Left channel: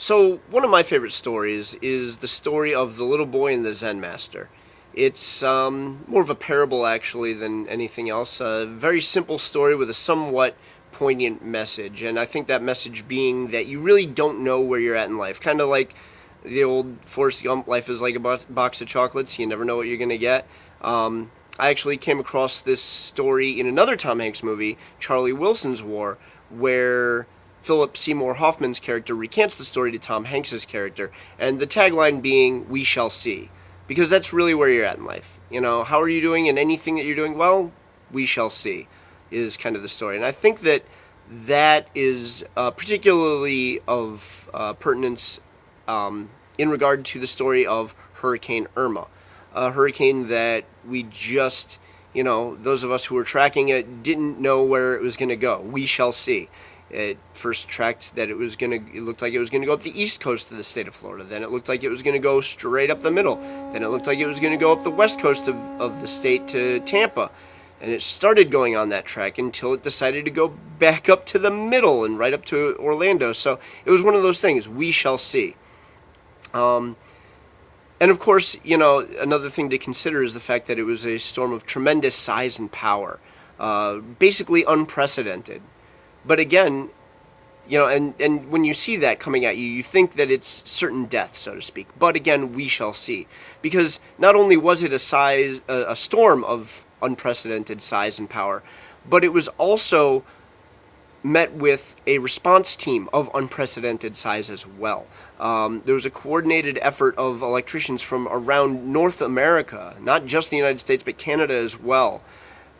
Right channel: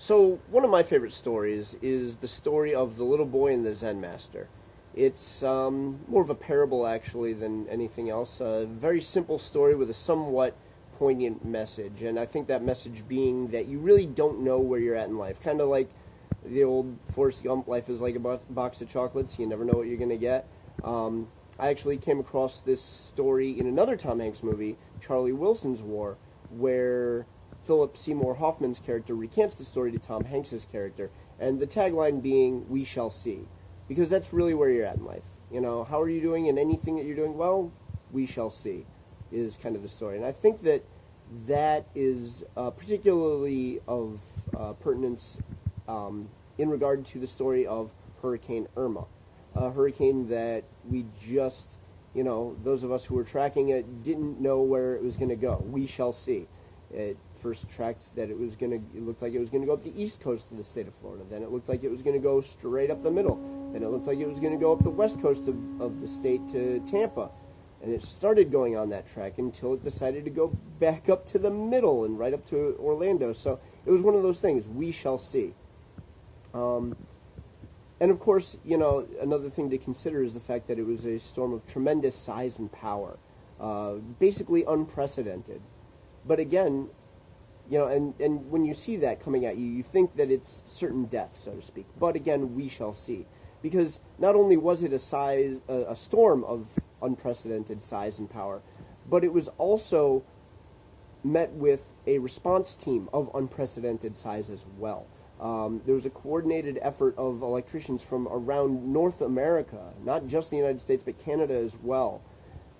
So, one of my favorite stories is the story of the little boy and the Zen Master. It's more of a parable, actually, than anything else. A very simple story with a somewhat poignant message. And I think that message being that you really don't know where you're at in life. Kind of like the old Forrest Gump, life is like a box of chocolates. You never know what you're going to get. I actually came across this story in another Tom Hanks movie, Charlie Wilson's War, where Philip Seymour Hoffman's character recants the story to Tom Hanks's character, and the tagline being "We shall see," because that's really where you're at in life. You know, how are you doing in anything that you're doing? Well, we shall see, is kind of the story, and I think that that is particularly of pertinence in regard to the story of Hurricane Irma, a hurricane that we just, those of us who were tracking it didn't know where it was going to go. We shall see. It first tracked that it looked like it was going to go up the east coast of the state of Florida. Then it looked like it was going to go straight up the middle. Then it looked like it was going to go up the west coast of the state to Tampa. And it started going on that track until it decided to go back up to the middle and right up to Orlando. So it was one of those things. We shall see. And of course, another thing to consider is the fact that it was a storm of tremendous size and power, basically unprecedented. But again, and when you see that coming at you, you think that it's certain death, so to speak. But again, we shall see. Because not only was it a storm of unprecedented size and power, but it was also met with a response team of unprecedented size as well. There was a coordinated effort of electricians from around North America, not just the United States, but Canada as well,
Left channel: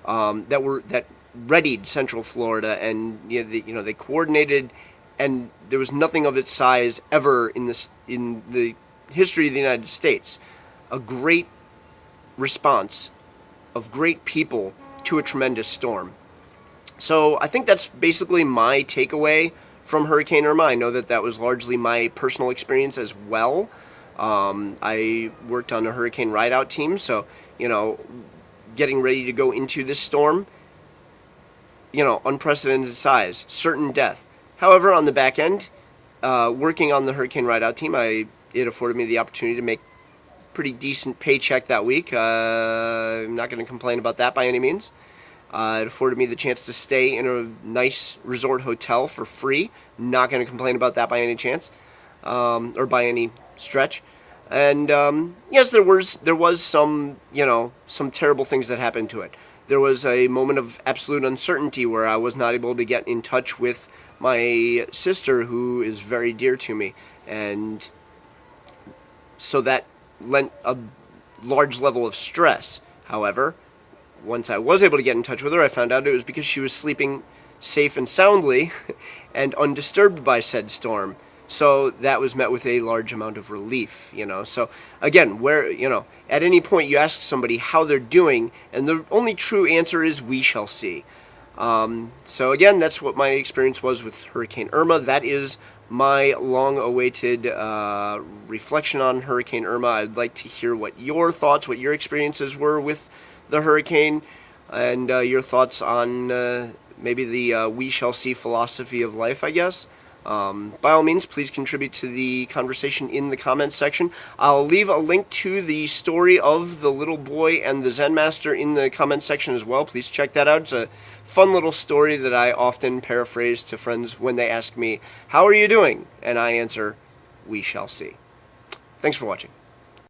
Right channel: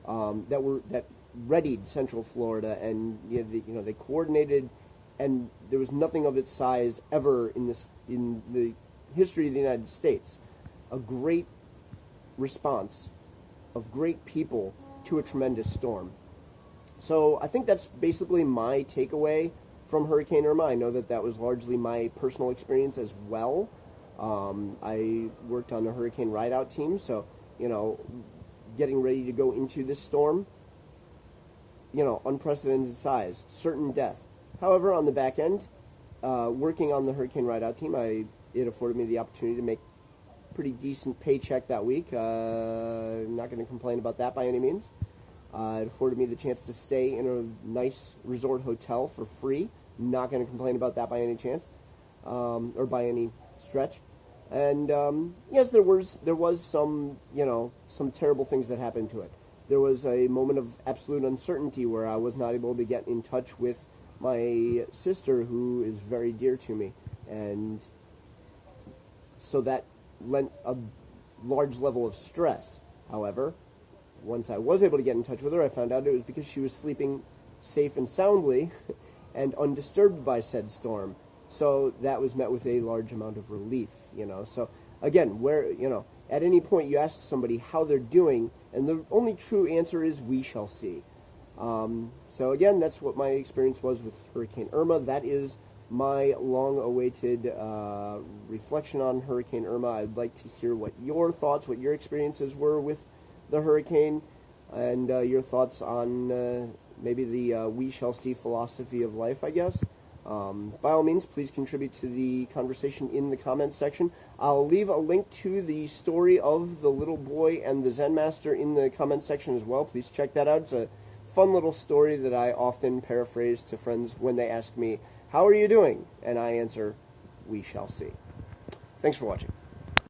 that readied Central Florida, and they coordinated, and there was nothing of its size ever in the history of the United States. A great response of great people to a tremendous storm. So I think that's basically my takeaway from Hurricane Irma. I know that was largely my personal experience as well. I worked on a hurricane ride-out team, so getting ready to go into this storm, unprecedented size, certain death. However, on the back end, working on the hurricane ride-out team, it afforded me the opportunity to make pretty decent paycheck that week. I'm not going to complain about that by any means. It afforded me the chance to stay in a nice resort hotel for free. Not going to complain about that by any chance, or by any stretch. And yes, there was some some terrible things that happened to it. There was a moment of absolute uncertainty where I was not able to get in touch with my sister, who is very dear to me, and so that lent a large level of stress. However, once I was able to get in touch with her, I found out it was because she was sleeping safe and soundly and undisturbed by said storm. So that was met with a large amount of relief, So again, at any point you ask somebody how they're doing, and the only true answer is we shall see. So again, that's what my experience was with Hurricane Irma. That is my long-awaited reflection on Hurricane Irma. I'd like to hear what your thoughts, what your experiences were with the hurricane, and your thoughts on maybe the we shall see philosophy of life, I guess. By all means, please contribute to the conversation in the comments section. I'll leave a link to the story of the little boy and the Zen Master in the comments section as well. Please check that out. It's a fun little story that I often paraphrase to friends when they ask me, "How are you doing?" And I answer, "We shall see." Thanks for watching.